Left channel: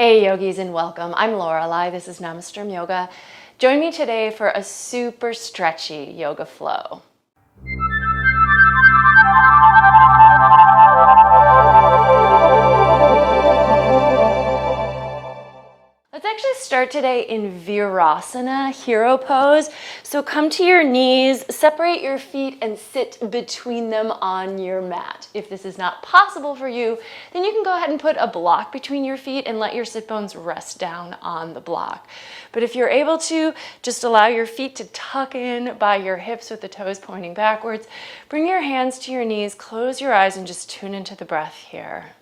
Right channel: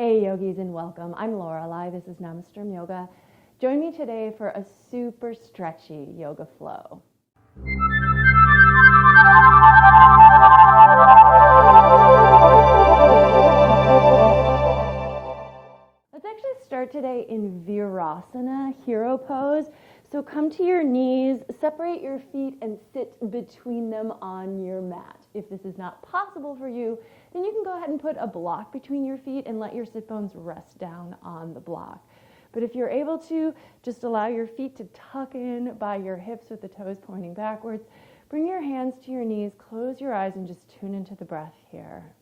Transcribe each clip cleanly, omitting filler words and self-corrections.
Hey yogis and welcome. I'm Lorelei. This is Namasturm Yoga. Join me today for a super stretchy yoga flow. Let's actually start today in Virasana, hero pose. So come to your knees, separate your feet and sit between them on your mat. If this is not possible for you, then you can go ahead and put a block between your feet and let your sit bones rest down on the block. But if you're able to, just allow your feet to tuck in by your hips with the toes pointing backwards. Bring your hands to your knees, close your eyes and just tune into the breath here.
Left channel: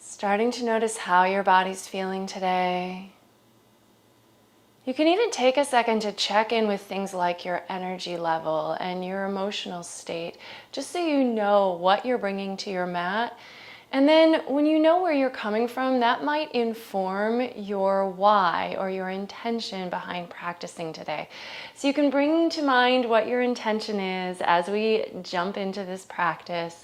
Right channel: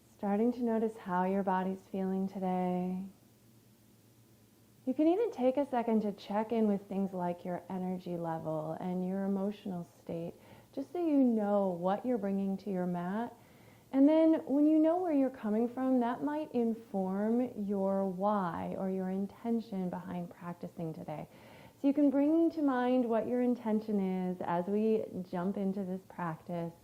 Starting to notice how your body's feeling today. You can even take a second to check in with things like your energy level and your emotional state, just so you know what you're bringing to your mat. And then when you know where you're coming from, that might inform your why or your intention behind practicing today. So you can bring to mind what your intention is as we jump into this practice.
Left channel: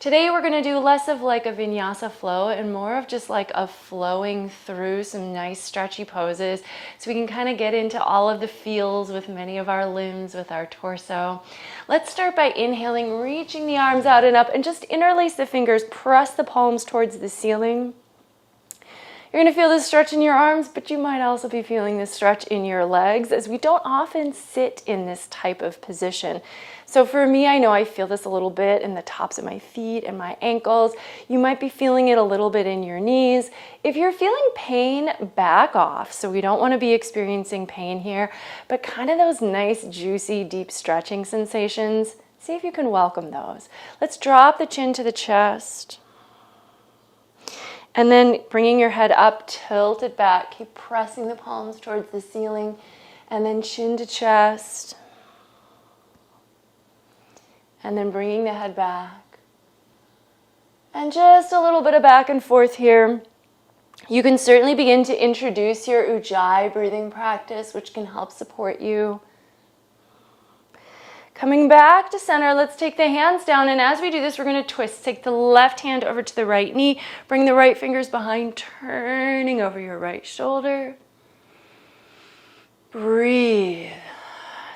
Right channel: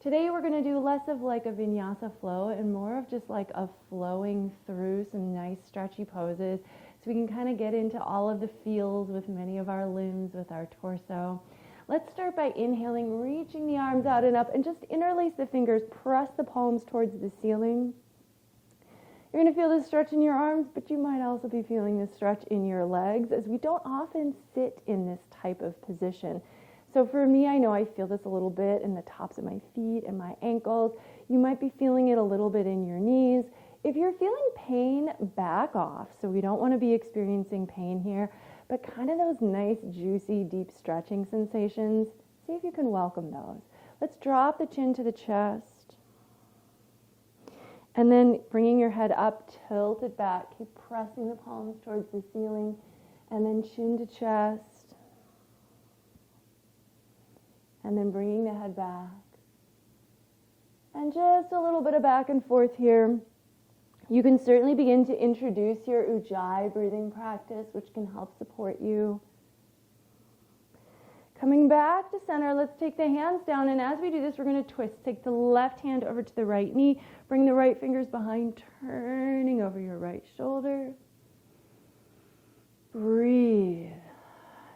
Today we're going to do less of like a vinyasa flow and more of just like a flowing through some nice stretchy poses, so we can kind of get into all of the feels with many of our limbs, with our torso. Let's start by inhaling, reaching the arms out and up, and just interlace the fingers, press the palms towards the ceiling. You're going to feel this stretch in your arms, but you might also be feeling this stretch in your legs, as we don't often sit in this type of position. So for me, I know I feel this a little bit in the tops of my feet and my ankles. You might be feeling it a little bit in your knees. If you're feeling pain, back off. So we don't want to be experiencing pain here, but kind of those nice, juicy, deep stretching sensations. See if you can welcome those. Let's drop the chin to the chest. And then bringing your head up, tilt it back. Keep pressing the palms towards the ceiling. And then chin to chest. And then bringing the head back. And just a little bit of back and forth here. You can certainly begin to introduce your Ujjayi breathing practice, which can help support you. Coming back to center, let's take the hands down, and as we do this, we're going to twist. Take the left hand over to the right knee, bring the right fingers behind, turning over your right shoulder. Breathe.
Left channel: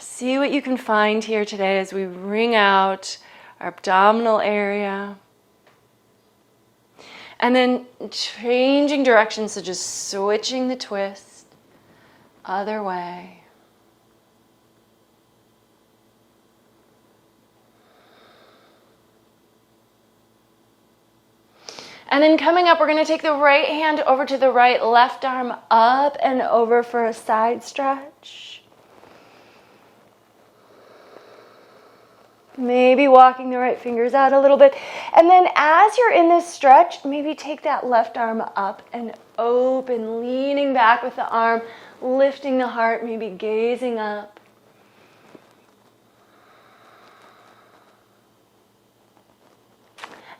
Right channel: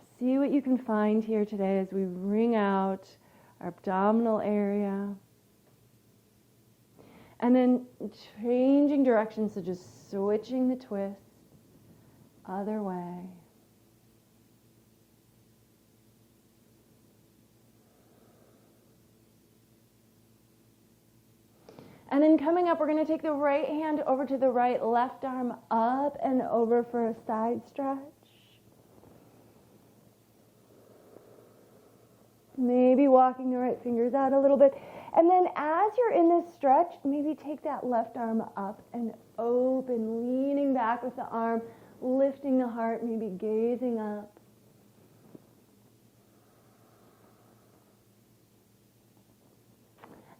See what you can find here today as we wring out our abdominal area. And then changing direction, so just switching the twist, other way. And then coming up, we're going to take the right hand over to the right, left arm up and over for a side stretch. Maybe walking the right fingers out a little bit. And then as you're in this stretch, maybe take that left arm up and open, leaning back with the arm, lifting the heart, maybe gazing up.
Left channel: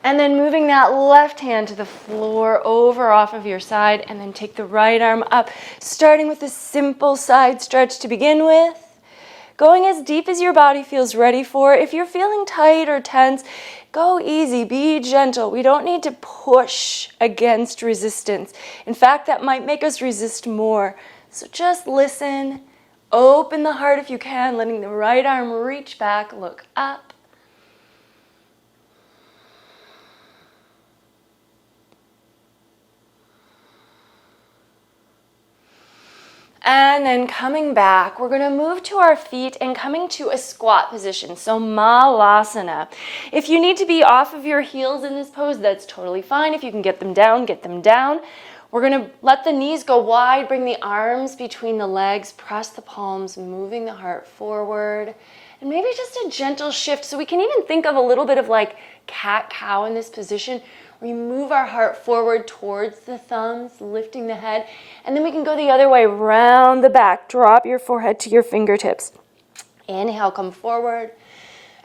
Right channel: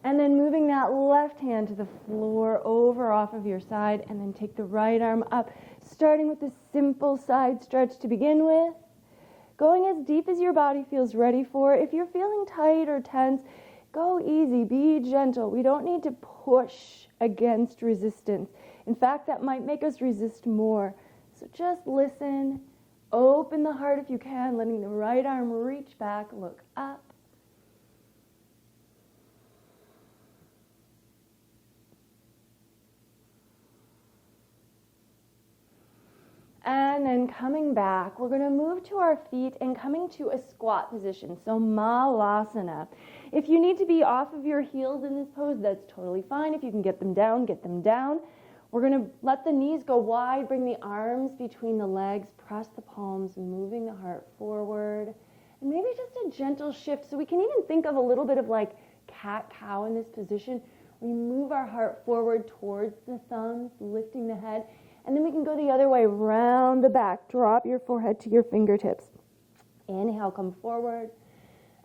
And then moving that left hand to the floor, over off of your side, and then take the right arm up, starting with a simple side stretch to begin with. Going as deep as your body feels ready for. If you're feeling tight or tense, go easy, be gentle. We don't need to push against resistance. In fact, that might make us resist more. So just listen, open the heart if you can, letting the right arm reach back, look up. And then coming back, we're going to move to our feet and coming to a squat position, so malasana. If you need to be off of your heels in this pose, that's totally fine. If you can get them down, get them down. We're going to let the knees go wide, bring the arms between the legs, press the palms, moving the heart forward. And maybe just a gentle shift, so we can even think of a little bit of like cat-cow in this position. We move our heart forward towards the thumbs, lifting the head, and then we can go the other way, round the back. Drop your forehead to your fingertips. Inhale, come forward.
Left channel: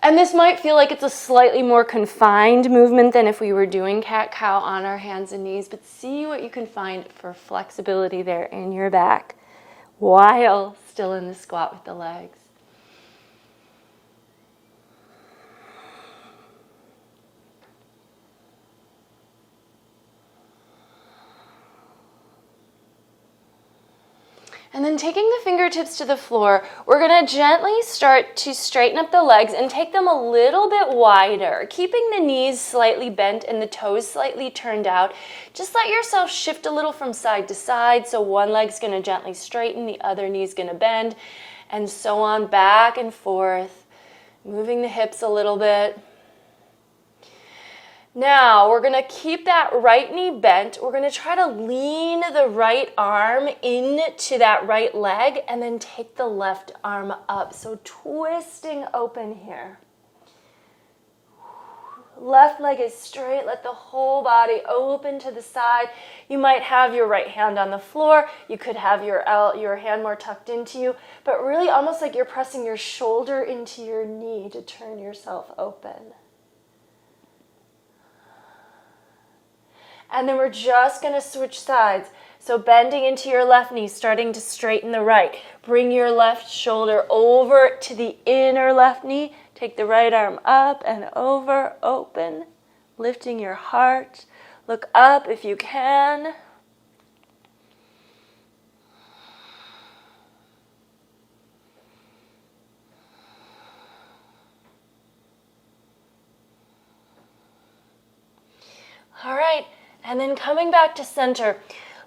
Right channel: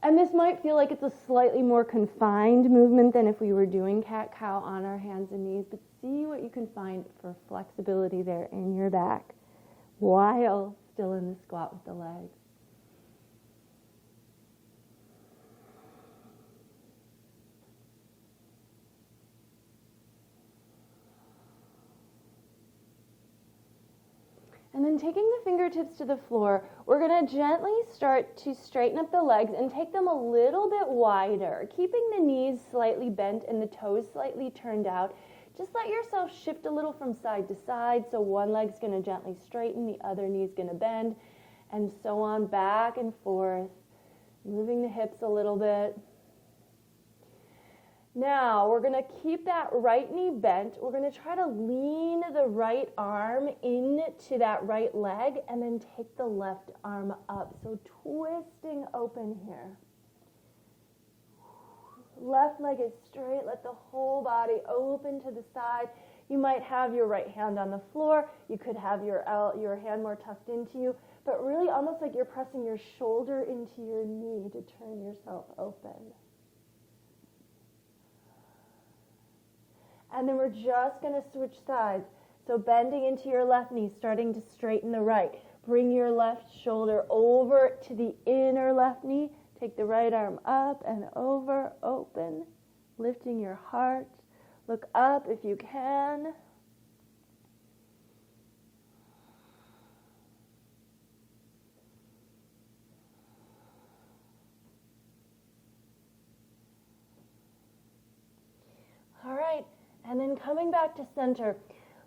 And this might feel like it's a slightly more confined movement than if we were doing cat-cow on our hands and knees, but see what you can find for flexibility there in your back while still in the squat with the legs. And then taking the fingertips to the floor, we're going to gently start to straighten up the legs and take them a little bit wider, keeping the knees slightly bent and the toes slightly turned out. Just let yourself shift a little from side to side. So one leg's going to gently straighten, the other knee's going to bend, and so on, back and forth, moving the hips a little bit. Now, we're going to keep that right knee bent. We're going to try to lean the right arm into that right leg and then take the left arm up. So twisting open here. Left leg is straight. Let the whole body open to the side. You might have your right hand on the floor. You could have your hand more tucked into you, but really almost like you're pressing your shoulder into your knee to turn yourself open. And then we're just going to switch sides. So bending into your left knee, starting to straighten the right. Bring your left shoulder over to the inner left knee. Take the right arm up and over, open, lifting your heart. Look up if you can. All right. And then coming back to center,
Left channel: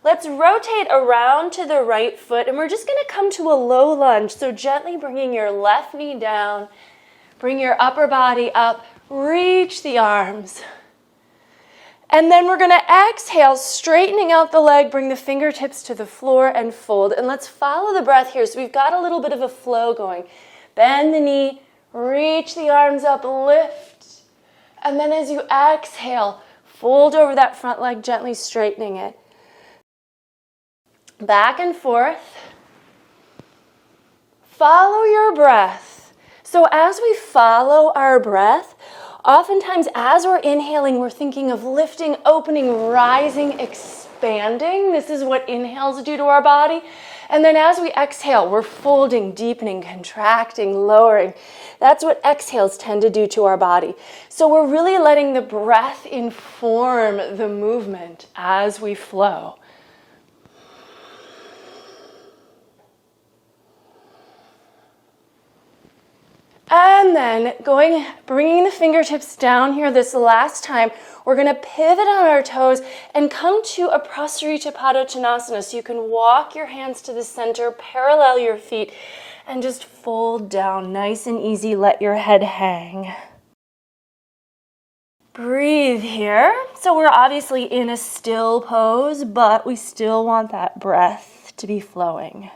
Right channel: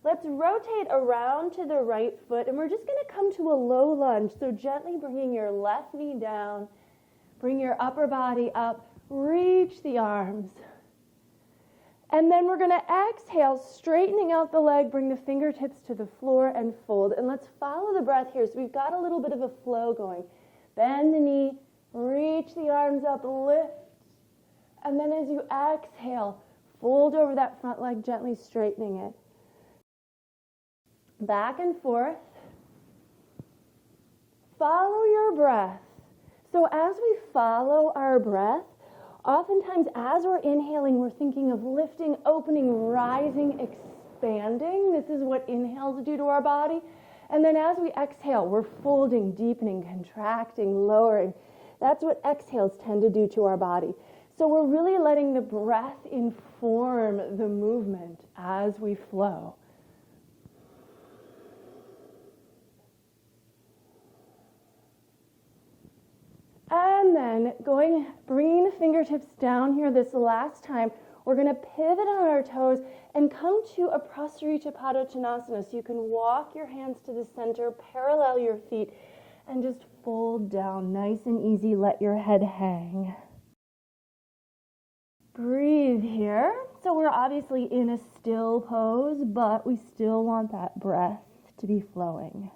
let's rotate around to the right foot, and we're just going to come to a low lunge. So gently bringing your left knee down, bring your upper body up, reach the arms. And then we're going to exhale, straightening out the leg, bring the fingertips to the floor and fold. And let's follow the breath here. So we've got a little bit of a flow going. Bend the knee, reach the arms up, lift. And then as you exhale, fold over that front leg, gently straightening it. Back and forth. Follow your breath. So as we follow our breath, oftentimes as we're inhaling, we're thinking of lifting, opening, rising, expanding. This is what inhales do to our body. And then as we exhale, we're folding, deepening, contracting, lowering. That's what exhales tend to do to our body. So we're really letting the breath inform the movement as we flow. And then bringing the fingertips down here this last time, we're going to pivot on our toes and come to a Prasarita Padottanasana. So you can walk your hands to the center, parallel your feet, and just fold down nice and easy. Let your head hang. Breathe here. So we're obviously in a still pose, but we still want that breath to be flowing.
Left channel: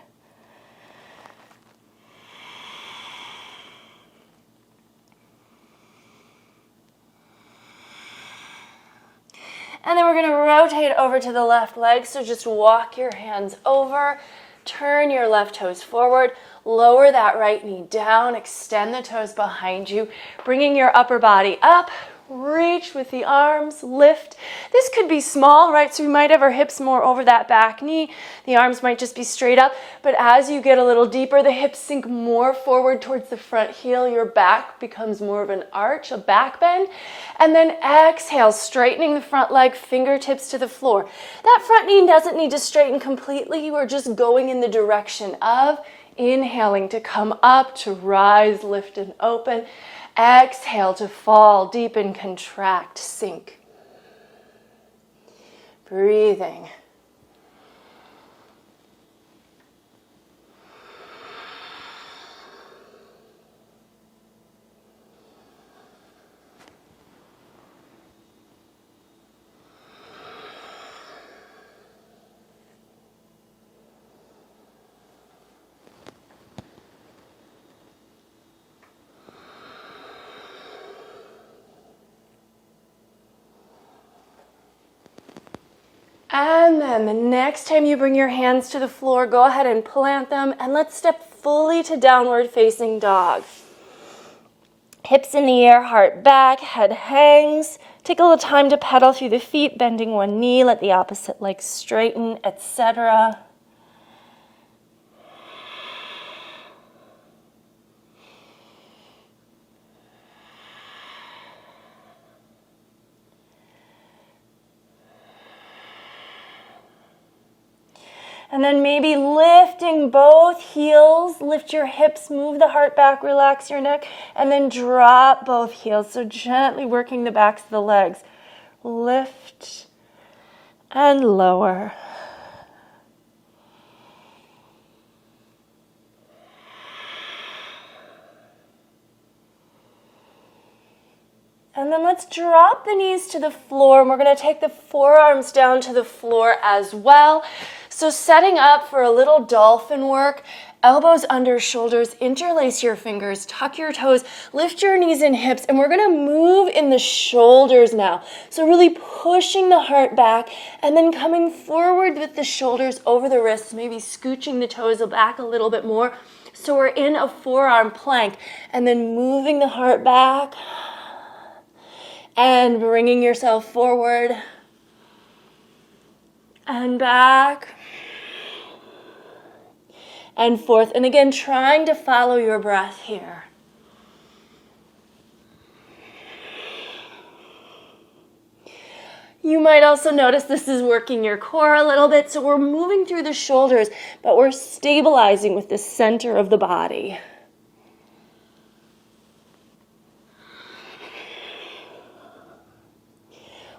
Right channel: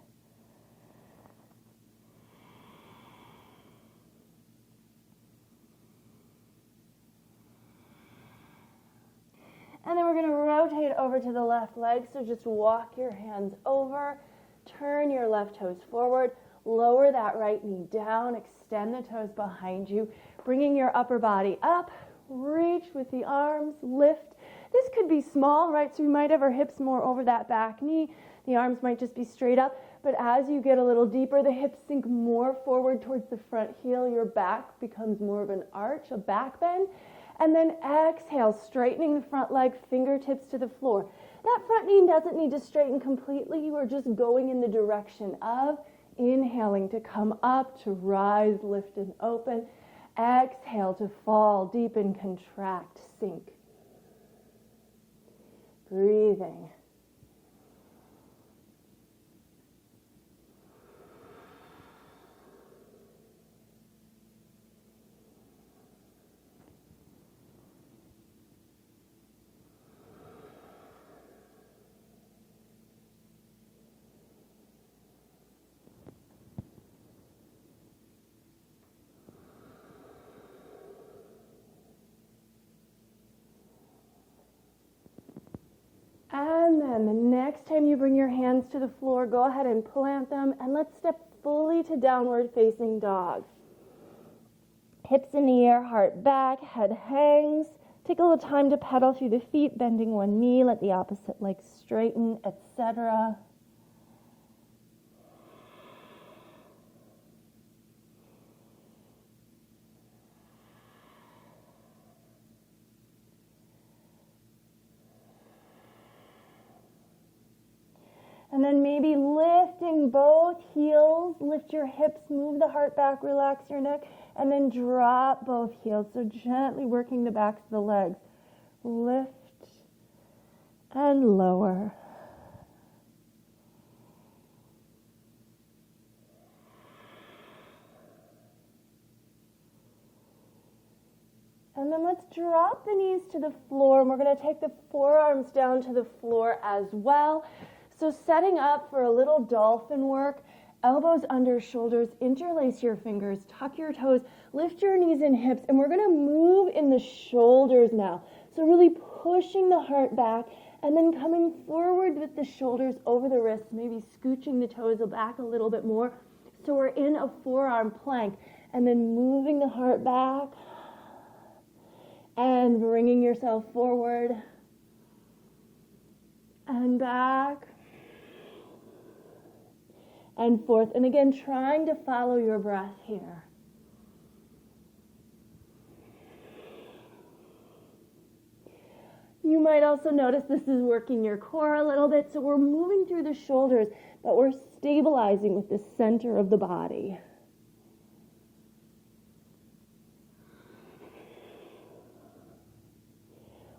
And then we're going to rotate over to the left leg. So just walk your hands over, turn your left toes forward, lower that right knee down, extend the toes behind you, bringing your upper body up, reach with the arms, lift. This could be small, right? So we might have our hips more over that back knee. The arms might just be straight up. But as you get a little deeper, the hips sink more forward towards the front heel. Your back becomes more of an arch, a back bend. And then exhale, straightening the front leg, fingertips to the floor. That front knee doesn't need to straighten completely. You are just going in the direction of inhaling to come up, to rise, lift, and open. Exhale to fall, deepen, contract, sink. Breathing. And then the next time you bring your hands to the floor, go ahead and plant them, and let's step fully to downward facing dog. Hips in the air, heart back, head hangs. Take a little time to pedal through the feet, bending one knee, let the opposite leg straighten, etc. And then maybe lifting both heels, lift your hips, move the heart back, relax your neck, and then drop both heels. So gently working the backs of the legs. Lift and lower. And then let's drop the knees to the floor, and we're going to take the forearms down to the floor as well. So setting up for a little dolphin work, elbows under shoulders, interlace your fingers, tuck your toes, lift your knees and hips, and we're going to move in the shoulders now. So really pushing the heart back and then coming forward with the shoulders over the wrists, maybe scooching the toes back a little bit more. So we're in a forearm plank, and then moving the heart back and bringing yourself forward and back and forth. And again, trying to follow your breath here. You might also notice this is working your core a little bit. So we're moving through the shoulders, but we're stabilizing with the center of the body.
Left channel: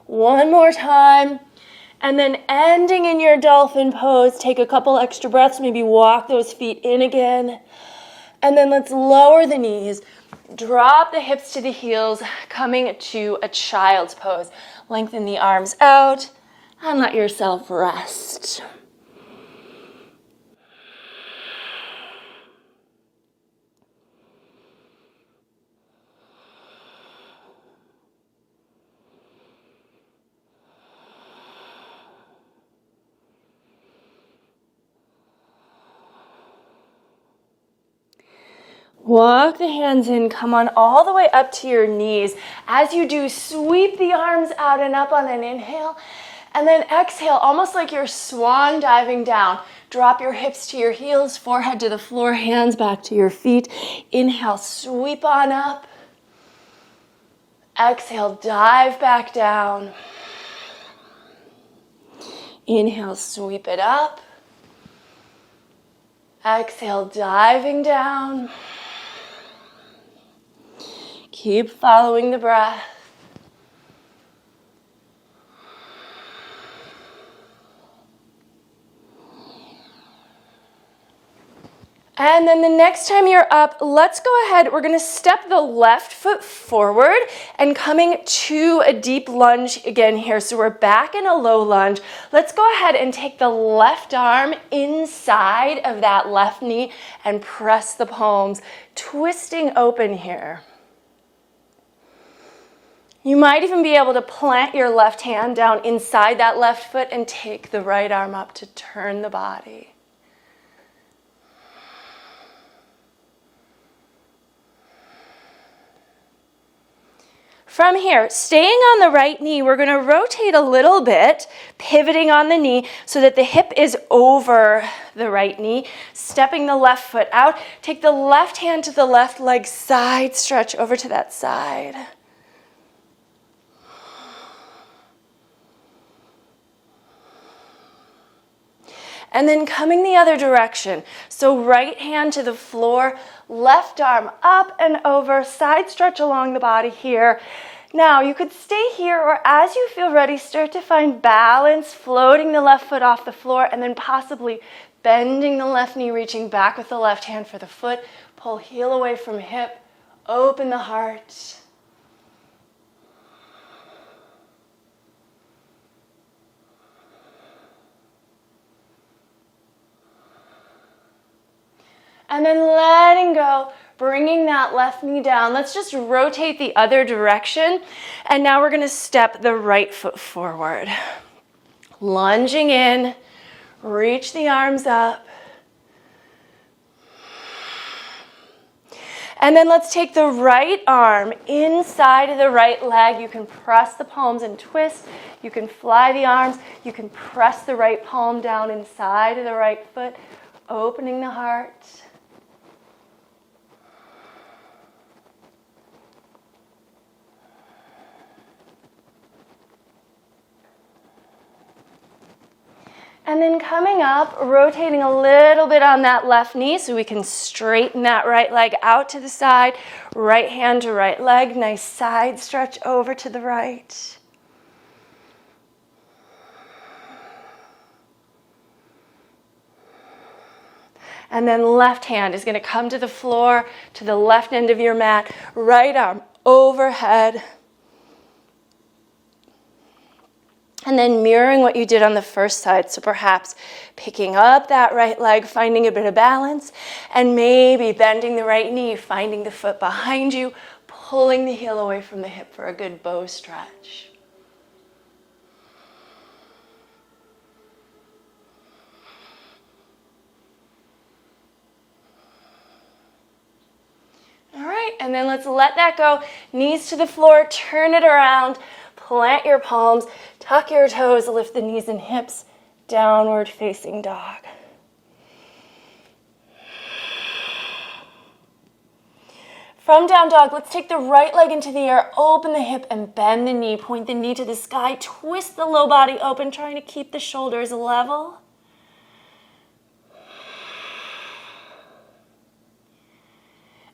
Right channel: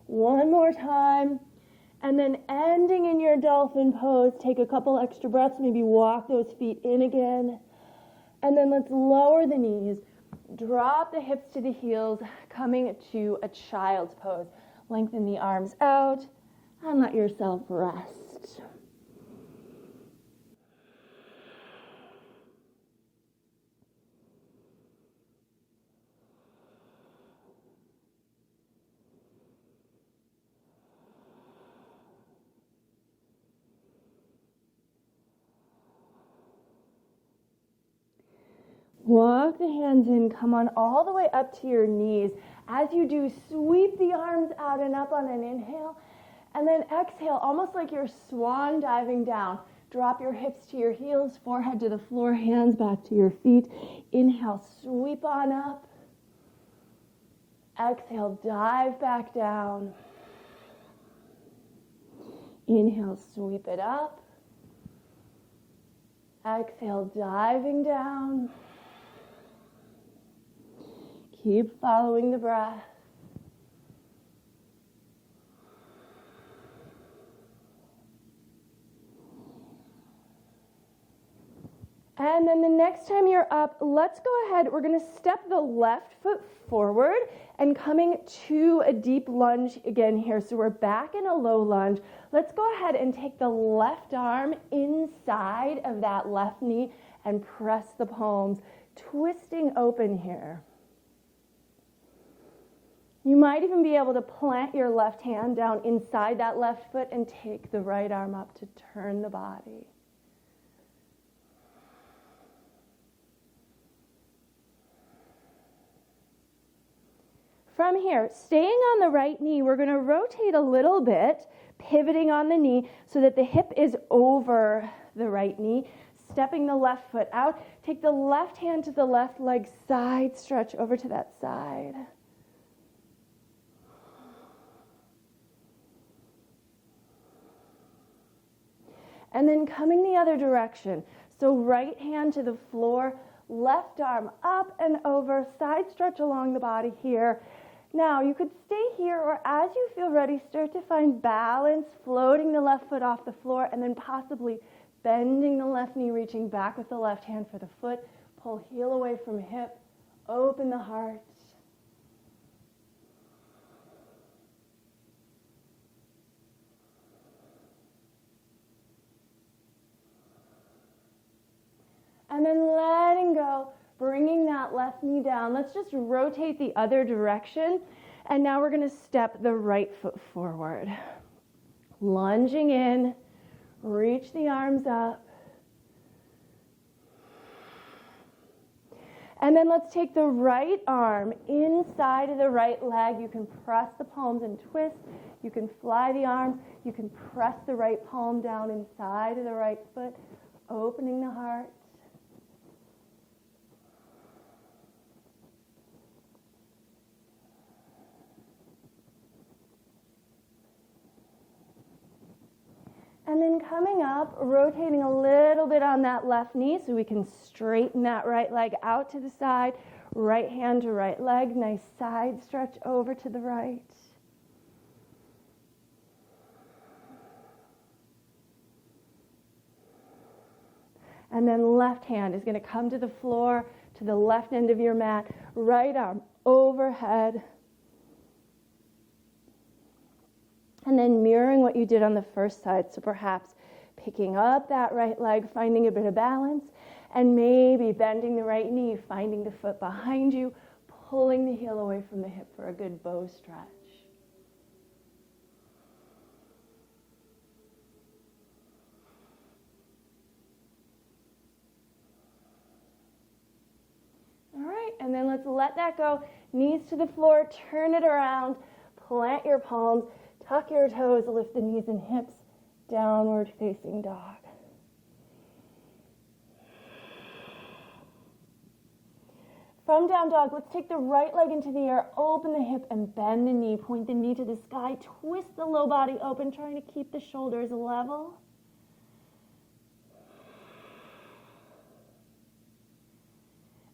One more time. And then ending in your dolphin pose, take a couple extra breaths, maybe walk those feet in again. And then let's lower the knees, drop the hips to the heels, coming to a child's pose. Lengthen the arms out and let yourself rest. Walk the hands in, come on all the way up to your knees. As you do, sweep the arms out and up on an inhale, and then exhale, almost like you're swan diving down. Drop your hips to your heels, forehead to the floor, hands back to your feet. Inhale, sweep on up. Exhale, dive back down. Inhale, sweep it up. Exhale, diving down. Keep following the breath. And then the next time you're up, let's go ahead. We're going to step the left foot forward and coming to a deep lunge again here. So we're back in a low lunge. Let's go ahead and take the left arm inside of that left knee and press the palms, twisting open here. You might even be able to plant your left hand down inside that left foot and take the right arm up to turn the body. From here, staying on the right knee, we're going to rotate a little bit, pivoting on the knee so that the hip is over the right knee, stepping the left foot out. Take the left hand to the left leg, side stretch over to that side. And then coming the other direction. So right hand to the floor, left arm up and over, side stretch along the body here. Now you could stay here, or as you feel ready, start to find balance, floating the left foot off the floor, and then possibly bending the left knee, reaching back with the left hand for the foot. Pull heel away from hip, open the heart. And then letting go, bringing that left knee down. Let's just rotate the other direction. And now we're going to step the right foot forward. Lunging in, reach the arms up. And then let's take the right arm inside of the right leg. You can press the palms and twist. You can fly the arms. You can press the right palm down inside of the right foot, opening the heart. And then coming up, rotating a little bit on that left knee so we can straighten that right leg out to the side. Right hand to right leg. Nice side stretch over to the right. And then left hand is going to come to the floor, to the left end of your mat. Right arm overhead. And then mirroring what you did on the first side. So perhaps picking up that right leg, finding a bit of balance, and maybe bending the right knee, finding the foot behind you, pulling the heel away from the hip for a good bow stretch. All right, and then let's let that go. Knees to the floor, turn it around. Plant your palms, tuck your toes, lift the knees and hips, downward facing dog. From down dog, let's take the right leg into the air, open the hip and bend the knee, point the knee to the sky, twist the low body open, trying to keep the shoulders level.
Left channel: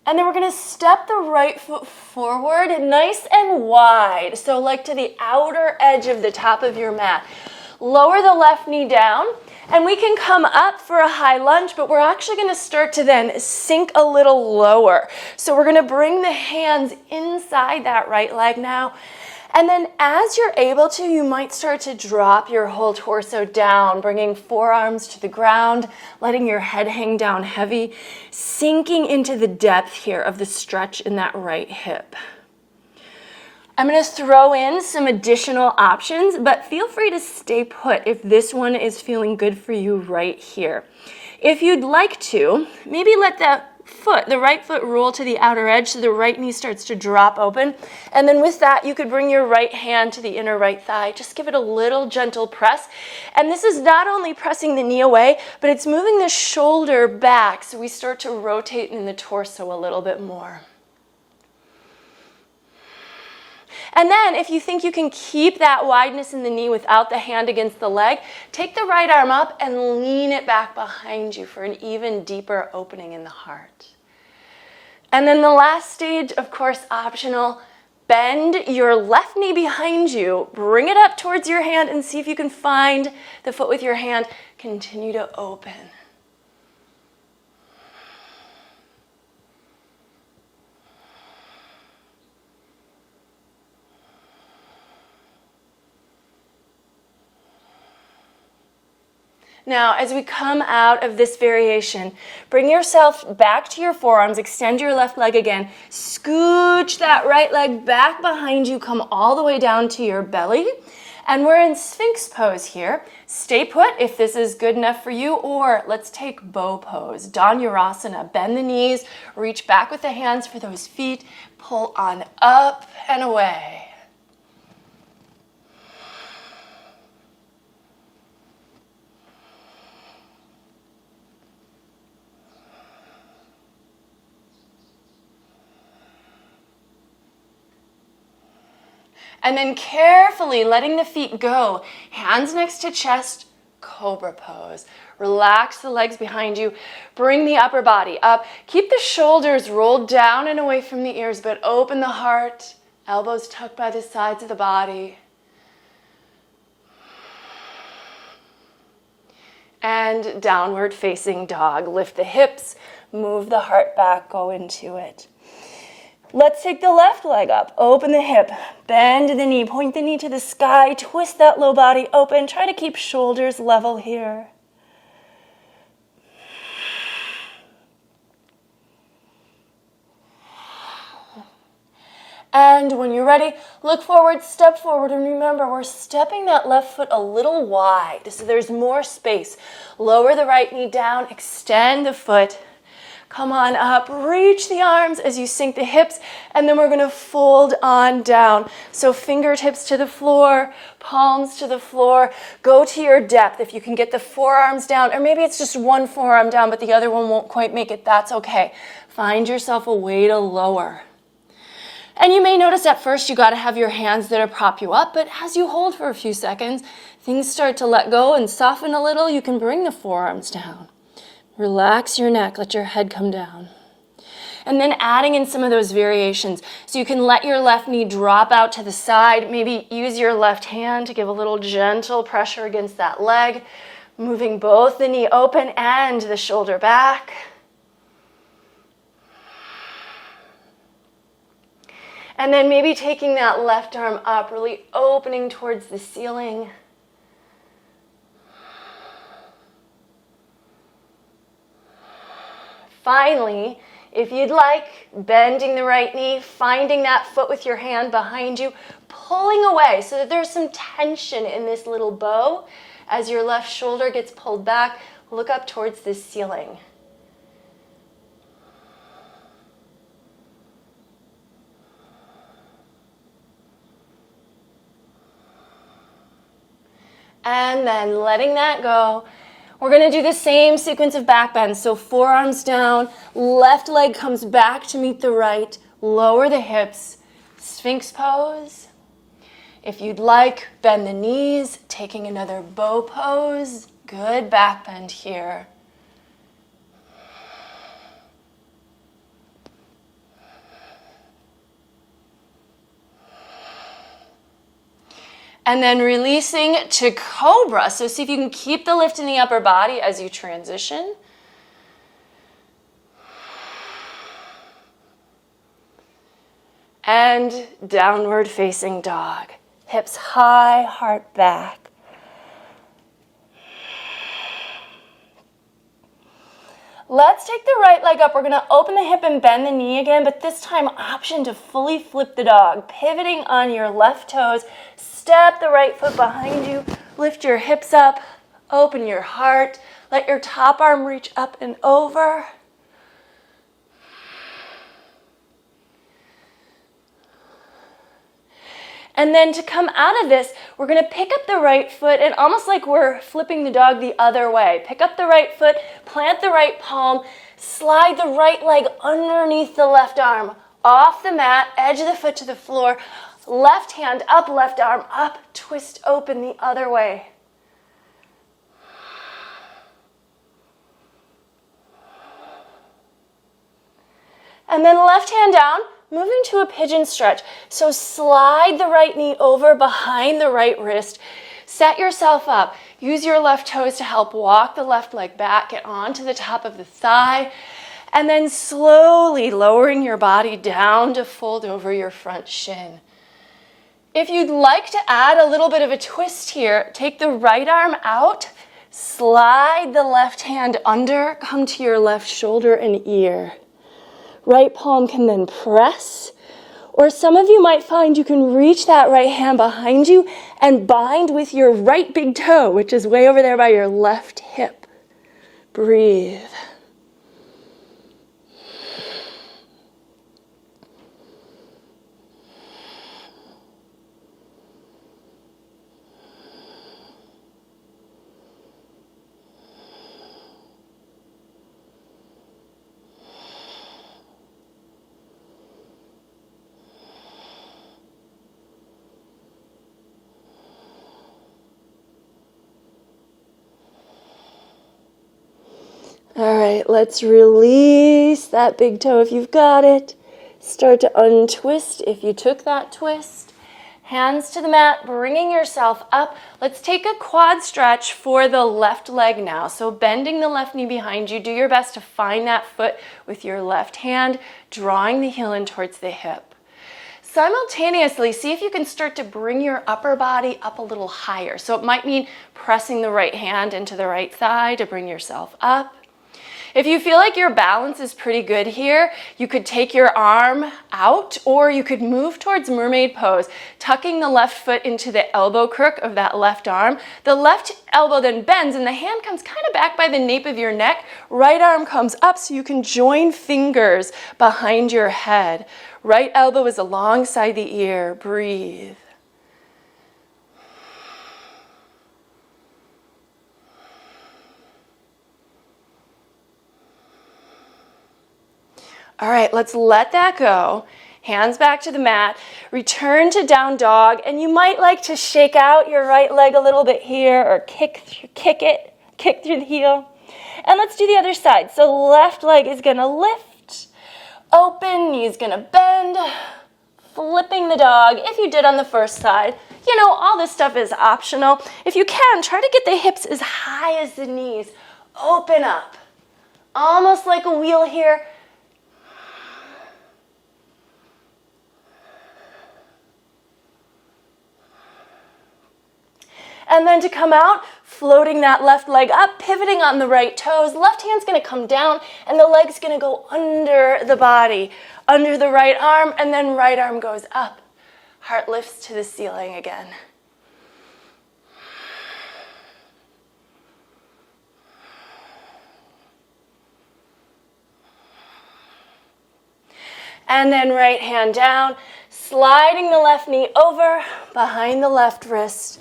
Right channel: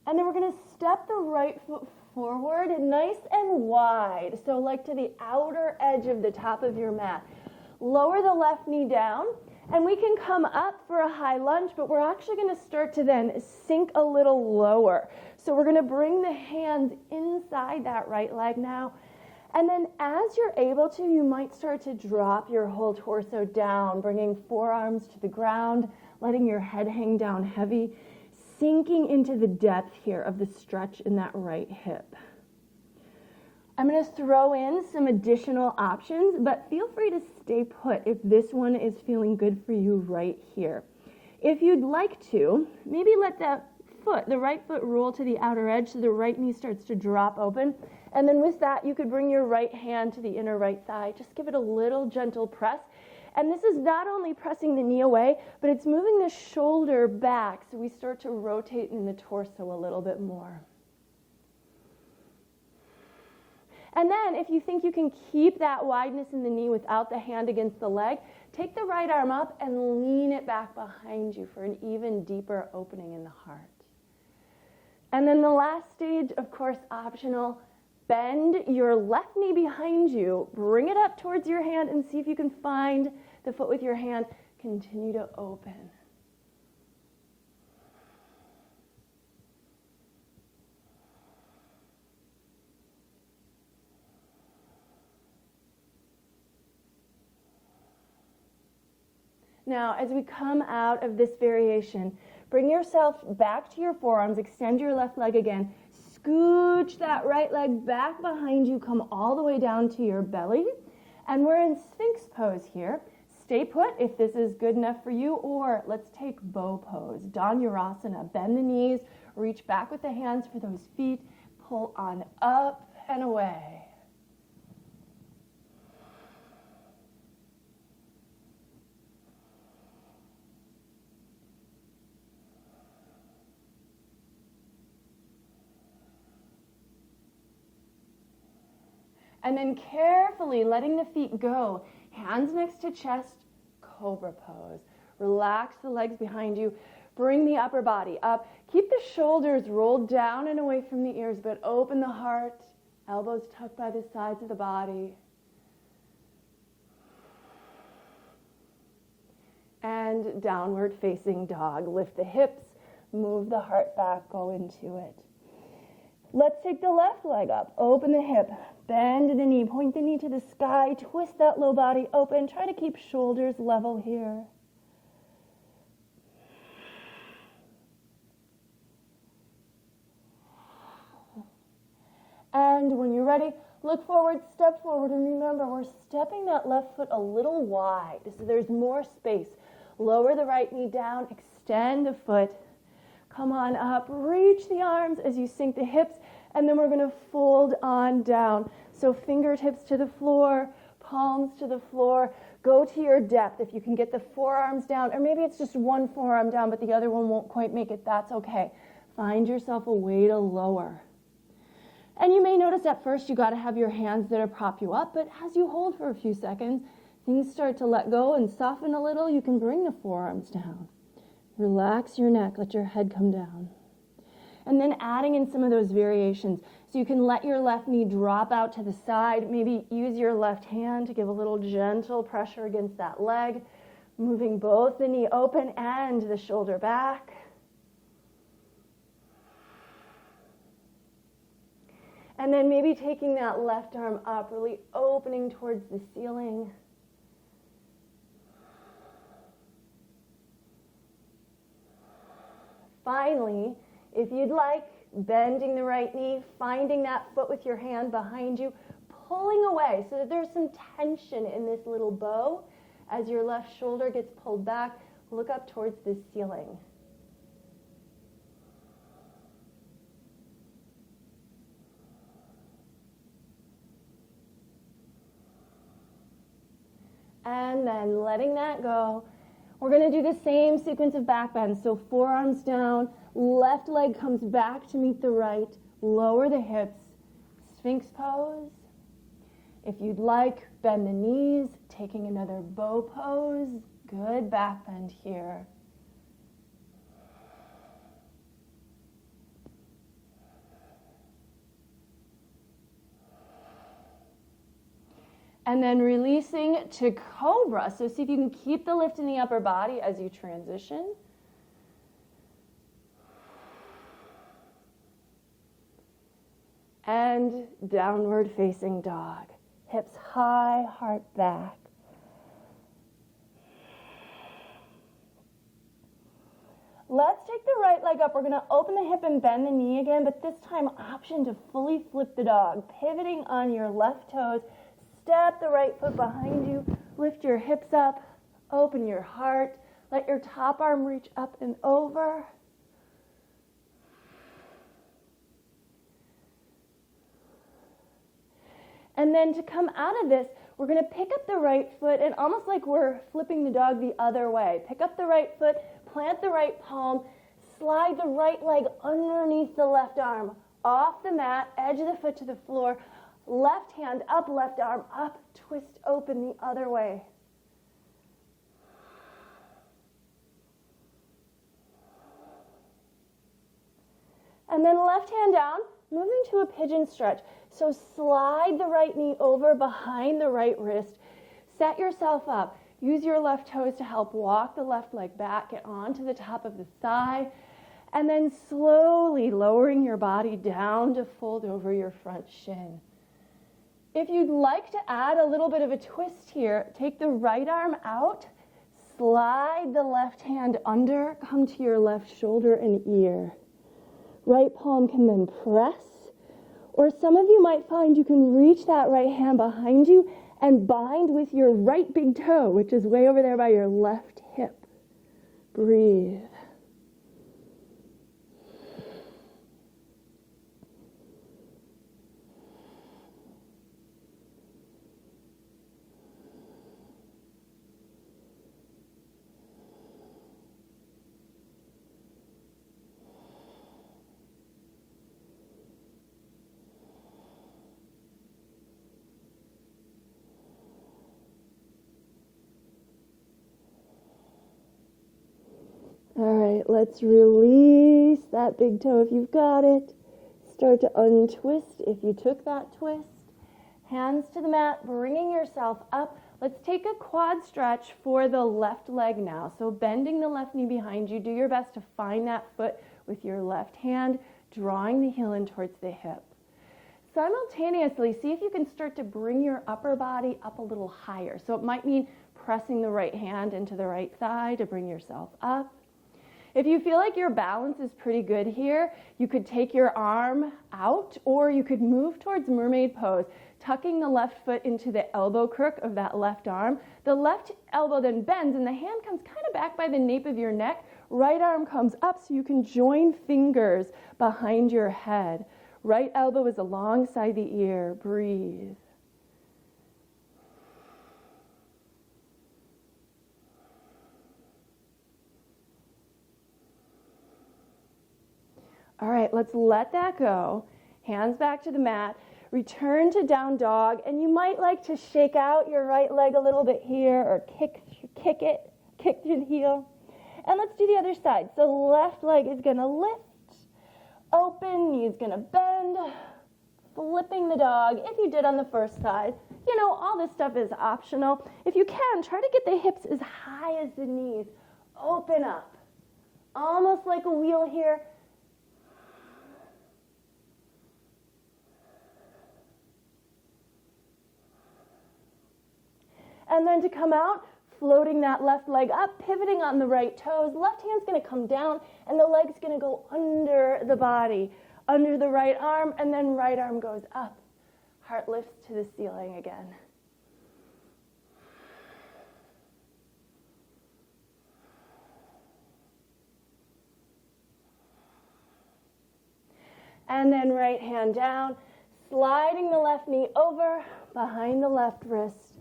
And then we're going to step the right foot forward, nice and wide. So like to the outer edge of the top of your mat. Lower the left knee down, and we can come up for a high lunge, but we're actually going to start to then sink a little lower. So we're going to bring the hands inside that right leg now. And then as you're able to, you might start to drop your whole torso down, bringing forearms to the ground, letting your head hang down heavy, sinking into the depth here of the stretch in that right hip. I'm going to throw in some additional options, but feel free to stay put if this one is feeling good for you right here. If you'd like to, maybe let the right foot roll to the outer edge so the right knee starts to drop open. And then with that, you could bring your right hand to the inner right thigh. Just give it a little gentle press. And this is not only pressing the knee away, but it's moving the shoulder back so we start to rotate in the torso a little bit more. And then if you think you can keep that wideness in the knee without the hand against the leg, take the right arm up and lean it back behind you for an even deeper opening in the heart. And then the last stage, of course, optional, bend your left knee behind you, bring it up towards your hand and see if you can find the foot with your hand. Continue to open. Now, as we come out of this variation, bring yourself back to your forearms, extend your left leg again, scooch that right leg back behind you, come all the way down to your belly, and we're in Sphinx pose here. Stay put if this is good enough for you, or let's take bow pose, Dhanurasana. Bend the knees, reach back with the hands for those feet, pull on up and away. And then carefully letting the feet go, hands next to chest, cobra pose. Relax the legs behind you. Bring the upper body up. Keep the shoulders rolled down and away from the ears, but open the heart. Elbows tucked by the sides of the body. And downward facing dog. Lift the hips, move the heart back, go into it. Let's take the left leg up, open the hip, bend the knee, point the knee to the sky, twist that low body open, try to keep shoulders level here. And when you're ready, look forward, step forward, and remember, we're stepping that left foot a little wide, so there's more space. Lower the right knee down, extend the foot. Come on up, reach the arms as you sink the hips, and then we're gonna fold on down. So fingertips to the floor, palms to the floor. Go to your depth. If you can get the forearms down, or maybe it's just one forearm down, but the other one won't quite make it, that's okay. Find yourself a way to lower. And you may notice at first you gotta have your hands there to prop you up, but as you hold for a few seconds, things start to let go and soften a little. You can bring the forearms down. Relax your neck, let your head come down. And then adding in some of those variations. So you can let your left knee drop out to the side, maybe use your left hand to give a little gentle pressure against that leg, moving both the knee open and the shoulder back. And then maybe taking that left arm up, really opening towards the ceiling. Finally, if you'd like, bending the right knee, finding that foot with your hand behind you, pulling away so that there's some tension in this little bow. As your left shoulder gets pulled back, look up towards the ceiling. And then letting that go. We're gonna do the same sequence of back bends. So forearms down, left leg comes back to meet the right, lower the hips, Sphinx pose. If you'd like, bend the knees, taking another bow pose. Good back bend here. And then releasing to cobra. So see if you can keep the lift in the upper body as you transition. And downward facing dog. Hips high, heart back. Let's take the right leg up. We're gonna open the hip and bend the knee again, but this time option to fully flip the dog. Pivoting on your left toes. Step the right foot behind you, lift your hips up, open your heart, let your top arm reach up and over. And then to come out of this, we're gonna pick up the right foot and almost like we're flipping the dog the other way. Pick up the right foot, plant the right palm, slide the right leg underneath the left arm, off the mat, edge of the foot to the floor, left hand up, left arm up, twist open the other way. And then left hand down, moving to a pigeon stretch. So slide the right knee over behind the right wrist. Set yourself up. Use your left toes to help walk the left leg back, get onto the top of the thigh, and then slowly lowering your body down to fold over your front shin. If you'd like to add a little bit of a twist here, take the right arm out, slide the left hand under, come to your left shoulder and ear. Right palm can then press, or some of you might find you can reach that right hand behind you and bind with your right big toe, which is way over there by your left hip. Breathe. All right, let's release that big toe if you've got it. Start to untwist if you took that twist. Hands to the mat, bringing yourself up. Let's take a quad stretch for the left leg now. So bending the left knee behind you, do your best to find that foot with your left hand, drawing the heel in towards the hip. Simultaneously, see if you can start to bring your upper body up a little higher. So it might mean pressing the right hand into the right thigh to bring yourself up. If you feel like your balance is pretty good here, you could take your arm out or you could move towards mermaid pose, tucking the left foot into the elbow crook of that left arm. The left elbow then bends and the hand comes kind of back by the nape of your neck. Right arm comes up so you can join fingers behind your head. Right elbow is alongside the ear. Breathe. All right, let's let that go. Hands back to the mat. Return to down dog, and you might like to shake out your right leg a little bit here or kick through the heel. And let's do the other side. So left leg is gonna lift, open, knees gonna bend, flipping the dog. If you did on the first side, you know, all this stuff is optional. If you can, try to get the hips as high as the knees. Open up, almost like a wheel here. And then to come out, floating that left leg up, pivoting on the right toes. Left hand's gonna come down and the leg's gonna go under the body, under the right arm, and then right arm goes up. Heart lifts to the ceiling again. And then right hand down, sliding the left knee over, behind the left wrist.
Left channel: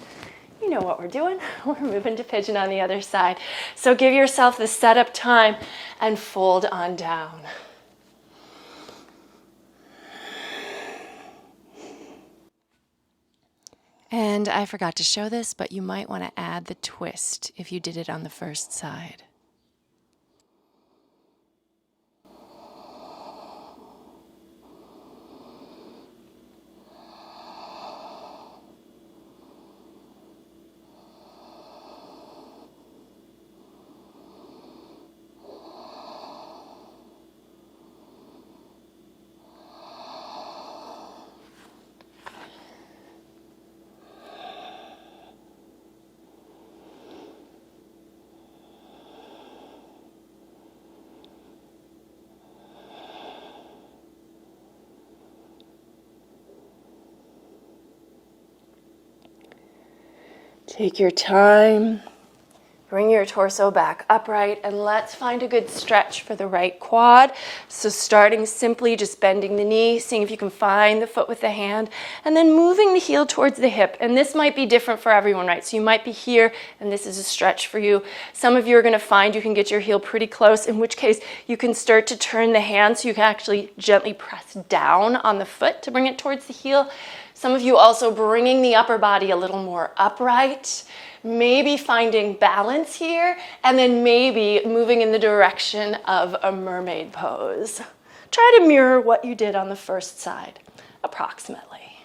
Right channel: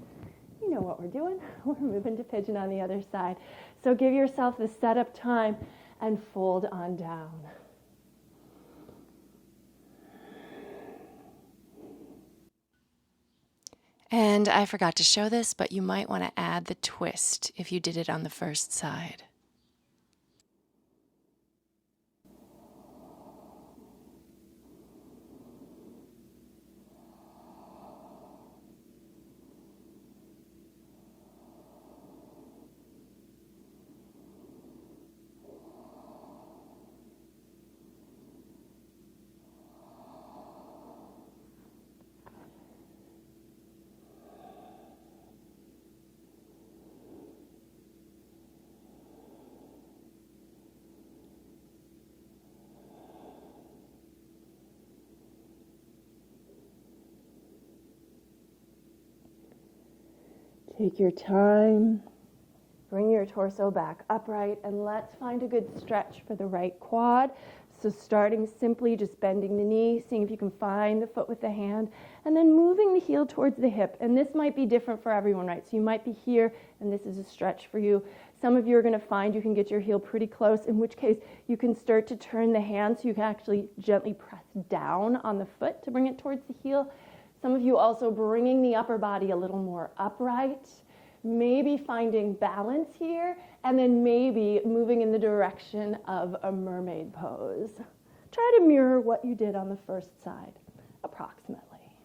You know what we're doing. We're moving to pigeon on the other side. So give yourself the setup time and fold on down. And I forgot to show this, but you might want to add the twist if you did it on the first side. Take your time, bring your torso back upright, and let's find a good stretch for the right quad. So starting simply just bending the knee, seeing if you can find the foot with the hand, and then moving the heel towards the hip. And this might be different for everyone, right? So you might be here, and this is a stretch for you. Some of you are gonna find you can get your heel pretty close, in which case you can start to turn the hand so you can actually gently press down on the foot to bring it towards the heel. Some of you also bringing the upper body a little more upright, maybe finding balance here, and then maybe moving in the direction of a mermaid pose. Try to mirror what you did on the first side, approximately.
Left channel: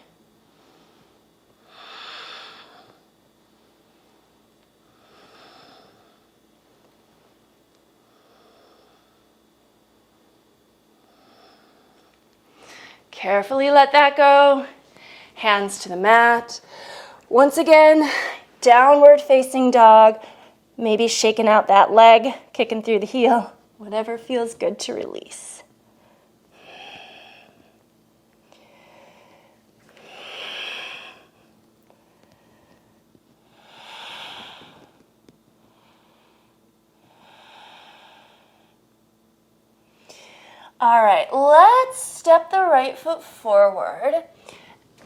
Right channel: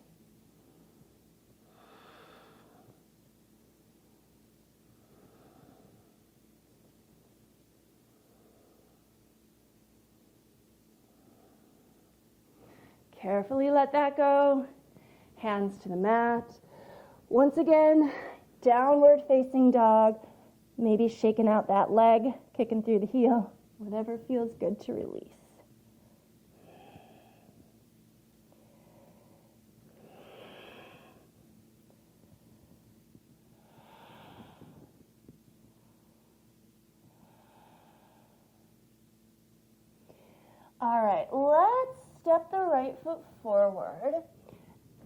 Carefully let that go. Hands to the mat. Once again, downward facing dog. Maybe shaking out that leg, kicking through the heel. Whatever feels good to release. All right, let's step the right foot forward.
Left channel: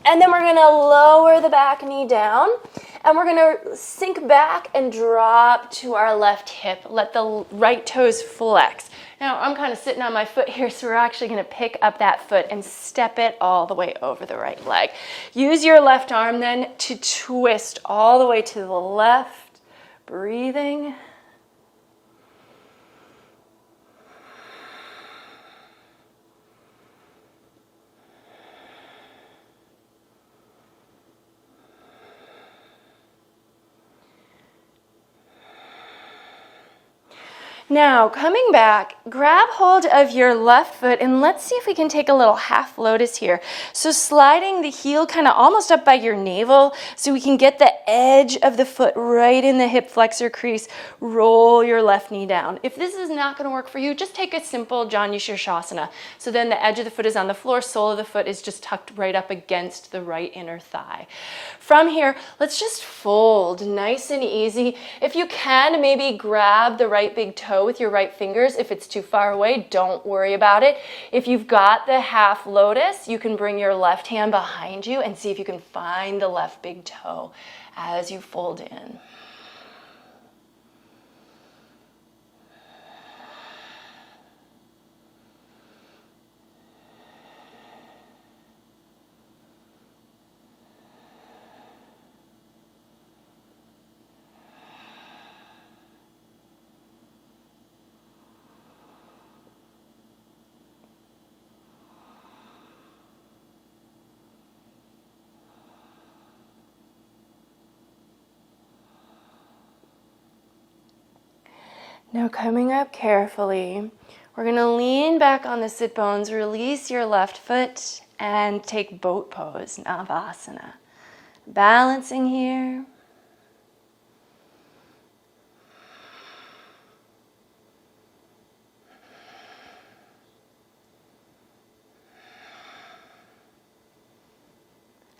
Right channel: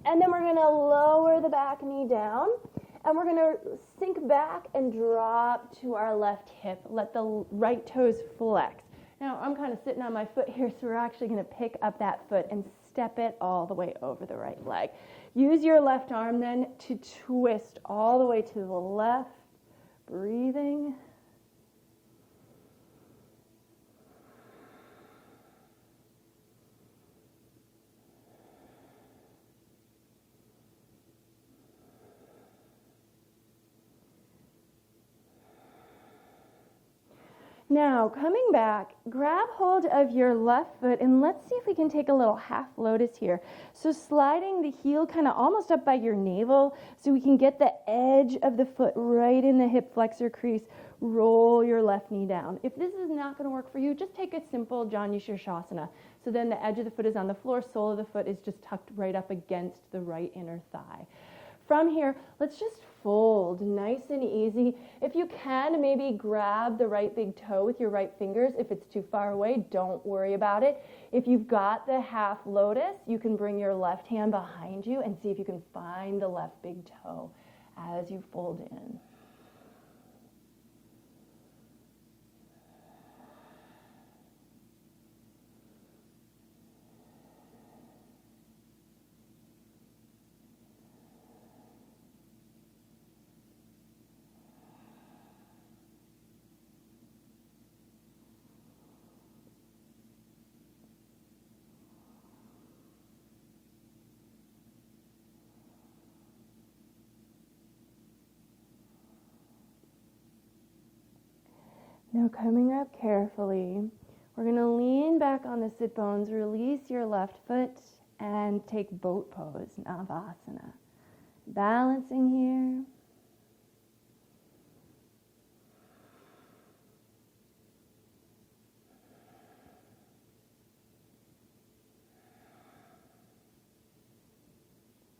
And then we're gonna lower the back knee down and we're gonna sink back and drop to our left hip. Let the right toes flex. Now I'm kind of sitting on my foot here, so we're actually gonna pick up that foot and step it all the way over the right leg. Use your left arm then to twist all the way to the left, breathing. Now, coming back, grab hold of your left foot and let's see if we can take a little half lotus here. So sliding the heel kind of almost up by your navel so we can get the edge of the foot right in the hip flexor crease. Roll your left knee down. If this is not going to work for you, just take a simple Janu Shirshasana. So then the edge of the foot is on the floor, sole of the foot is just tucked right up against the right inner thigh. From here, let's just fold nice and easy. If you can, maybe grab the right big toe with your right fingers. If it's too far away, don't worry about it. If you've got the half lotus, you can bring your left hand behind you and see if you can find the left big toe as you fold in. Now coming up carefully, we're going to lean back on the sit bones, release your left foot, and take boat pose, Navasana. Balancing here.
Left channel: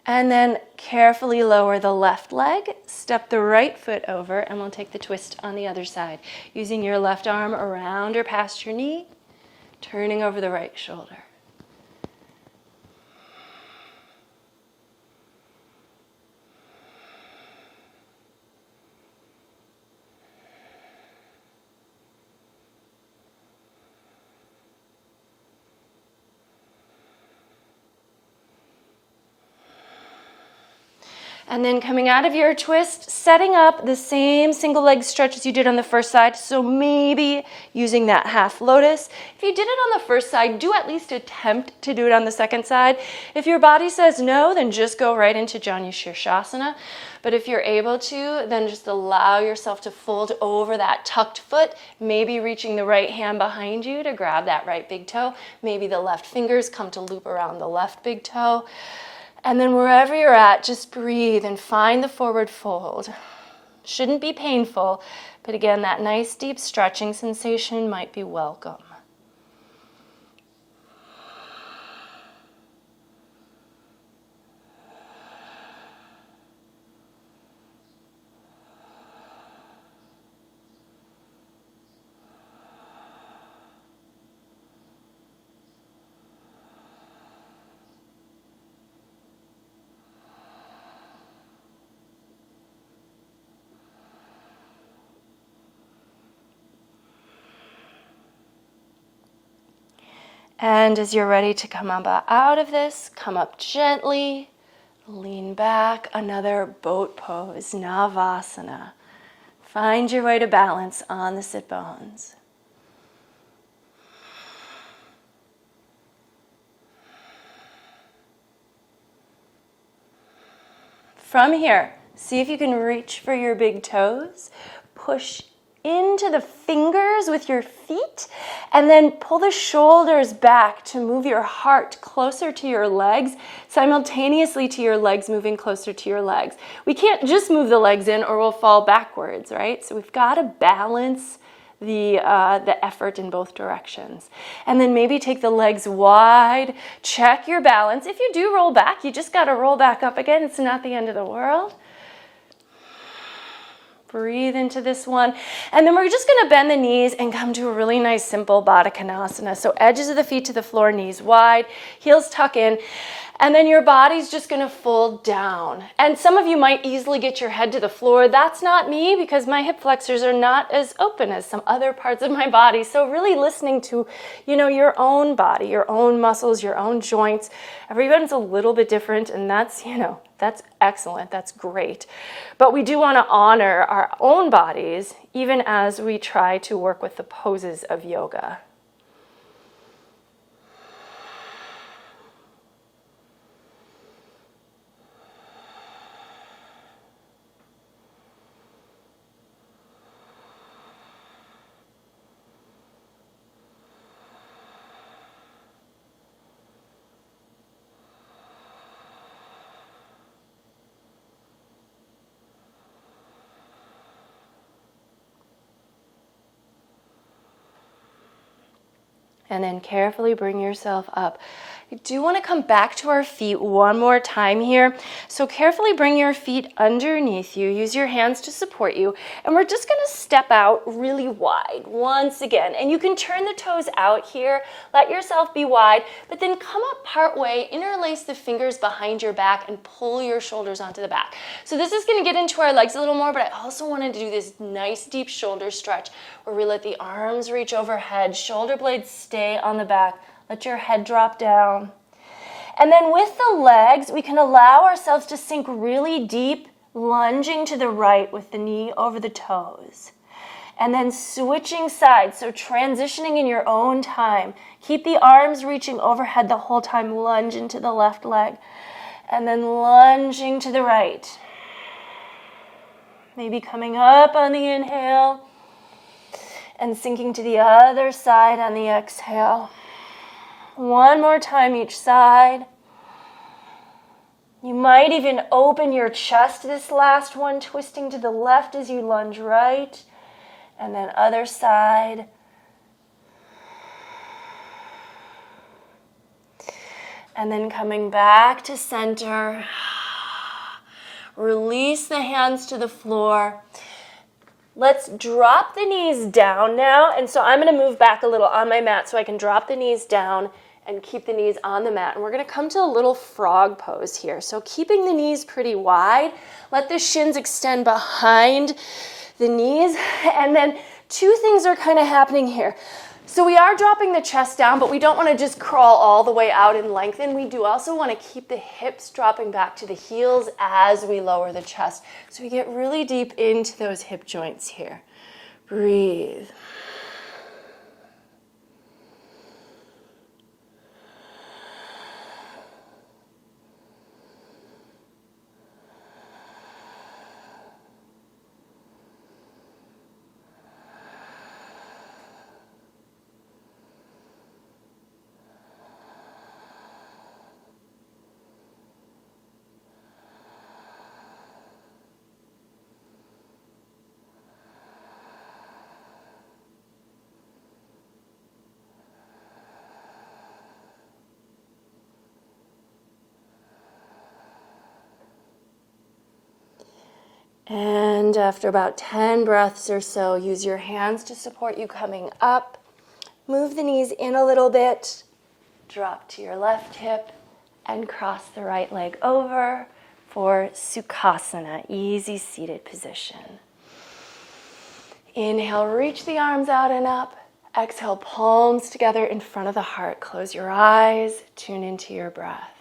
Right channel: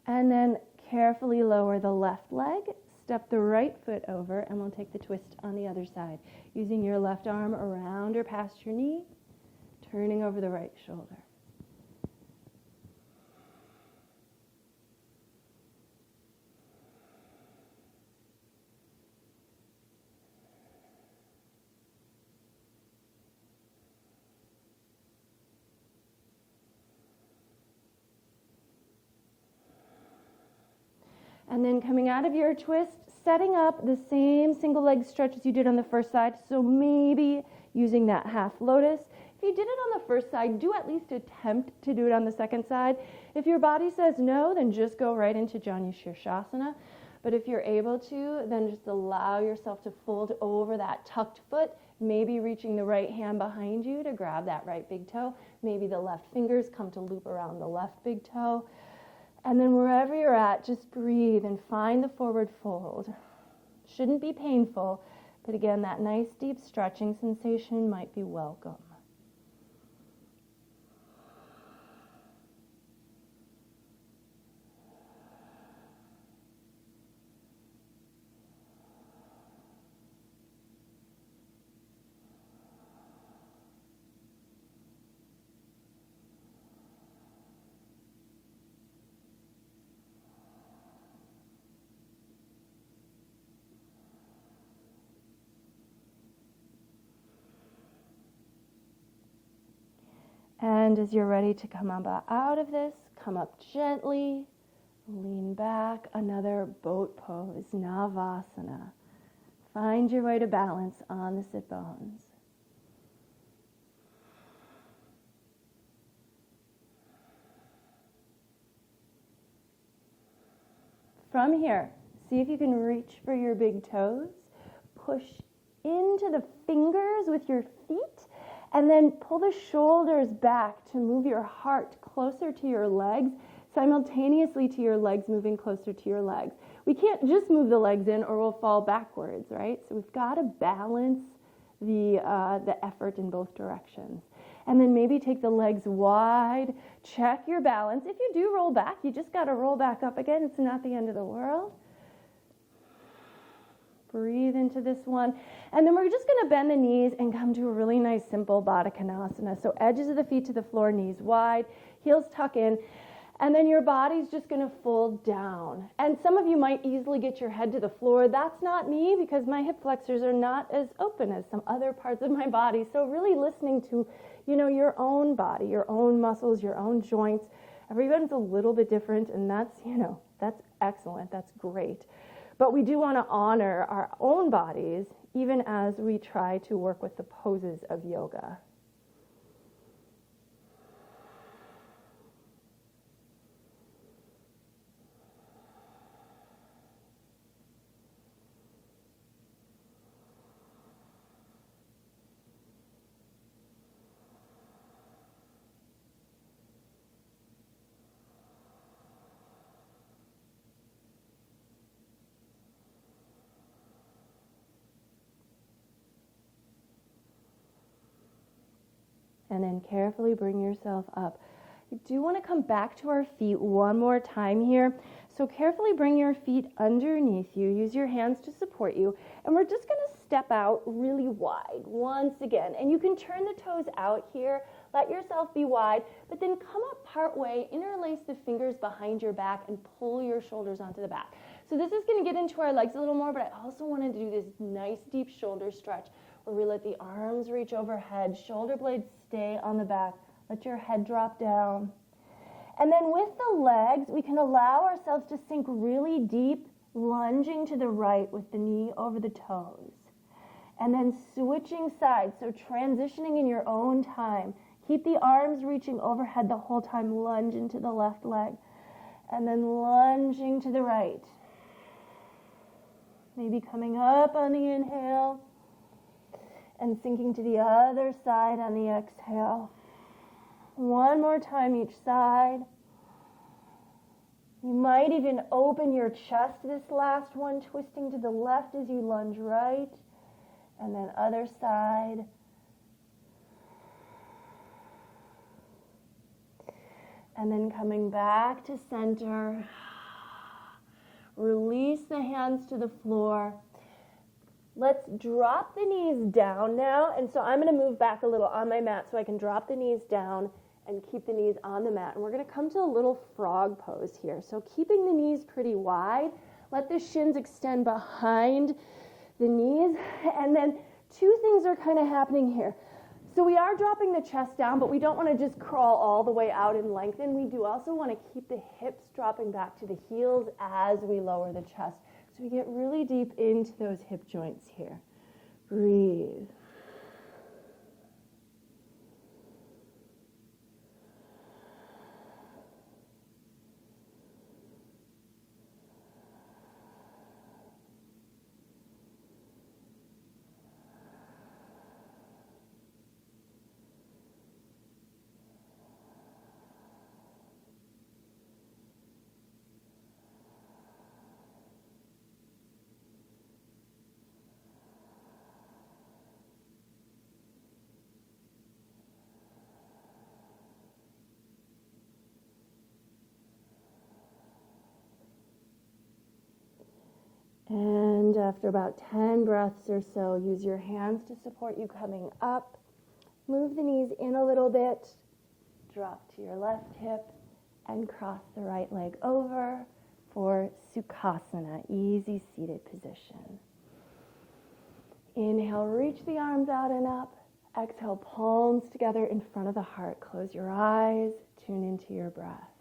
And then carefully lower the left leg, step the right foot over, and we'll take the twist on the other side. Using your left arm around or past your knee, turning over the right shoulder. And then coming out of your twist, setting up the same single leg stretch as you did on the first side. So maybe using that half lotus. If you did it on the first side, do at least attempt to do it on the second side. If your body says no, then just go right into Janu Shirshasana. But if you're able to, then just allow yourself to fold over that tucked foot, maybe reaching the right hand behind you to grab that right big toe. Maybe the left fingers come to loop around the left big toe. And then wherever you're at, just breathe and find the forward fold. Shouldn't be painful, but again, that nice deep stretching sensation might be welcome. And as you're ready to come up out of this, come up gently, lean back, another boat pose, Navasana. Find your way to balance on the sit bones. From here, see if you can reach for your big toes, push into the fingers with your feet, and then pull the shoulders back to move your heart closer to your legs, simultaneously to your legs moving closer to your legs. We can't just move the legs in or we'll fall backwards, right? So we've got to balance the effort in both directions. And then maybe take the legs wide, check your balance. If you do roll back, you just got to roll back up again. It's not the end of the world. Breathe into this one. And then we're just going to bend the knees and come to a really nice simple Baddha Konasana. So edges of the feet to the floor, knees wide, heels tuck in. And then your body's just going to fold down. And some of you might easily get your head to the floor. That's not me because my hip flexors are not as open as some other parts of my body. So really listening to, your own body, your own muscles, your own joints. Everyone's a little bit different, and that's excellent. That's great. But we do want to honor our own bodies even as we try to work with the poses of yoga. and then carefully bring yourself up. You do want to come back to our feet one more time here. So carefully bring your feet underneath you. Use your hands to support you. And we're just going to step out really wide once again. And you can turn the toes out here. Let yourself be wide, but then come up part way, interlace the fingers behind your back and pull your shoulders onto the back. So this is going to get into our legs a little more, but I also wanted to do this nice deep shoulder stretch where we let the arms reach overhead, shoulder blades stay on the back. Let your head drop down. And then with the legs, we can allow ourselves to sink really deep, lunging to the right with the knee over the toes. And then switching sides, so transitioning in your own time. Keep the arms reaching overhead the whole time, lunge into the left leg. And then lunging to the right. Maybe coming up on the inhale and sinking to the other side on the exhale. One more time each side. You might even open your chest this last one, twisting to the left as you lunge right. And then other side. And then coming back to center. Release the hands to the floor. Let's drop the knees down now. And so I'm going to move back a little on my mat so I can drop the knees down and keep the knees on the mat. And we're going to come to a little frog pose here. So keeping the knees pretty wide. Let the shins extend behind the knees. And then two things are kind of happening here. So we are dropping the chest down, but we don't want to just crawl all the way out and lengthen. We do also want to keep the hips dropping back to the heels as we lower the chest. So we get really deep into those hip joints here. Breathe. And after about 10 breaths or so, use your hands to support you coming up. Move the knees in a little bit. Drop to your left hip and cross the right leg over for Sukhasana, easy seated position. Inhale, reach the arms out and up. Exhale, palms together in front of the heart. Close your eyes, tune into your breath.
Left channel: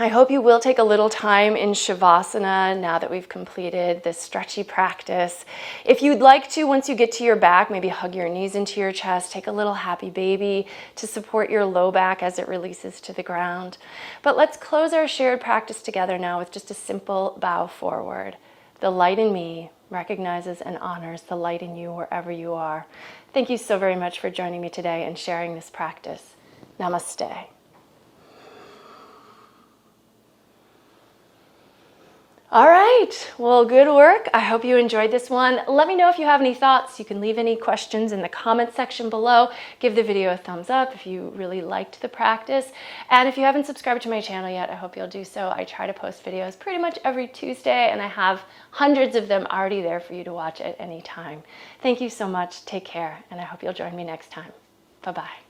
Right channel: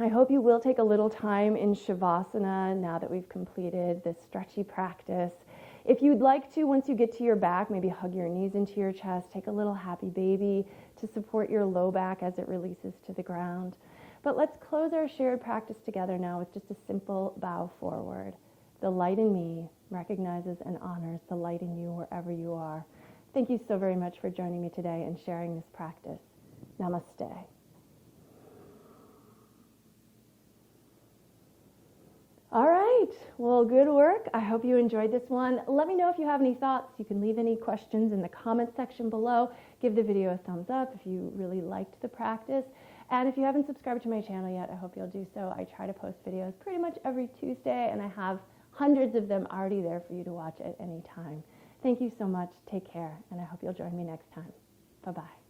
I hope you will take a little time in Shavasana now that we've completed this stretchy practice. If you'd like to, once you get to your back, maybe hug your knees into your chest, take a little happy baby to support your low back as it releases to the ground. But let's close our shared practice together now with just a simple bow forward. The light in me recognizes and honors the light in you wherever you are. Thank you so very much for joining me today and sharing this practice. Namaste. All right, well, good work. I hope you enjoyed this one. Let me know if you have any thoughts. You can leave any questions in the comment section below. Give the video a thumbs up if you really liked the practice. And if you haven't subscribed to my channel yet, I hope you'll do so. I try to post videos pretty much every Tuesday, and I have hundreds of them already there for you to watch at any time. Thank you so much. Take care, and I hope you'll join me next time. Bye-bye.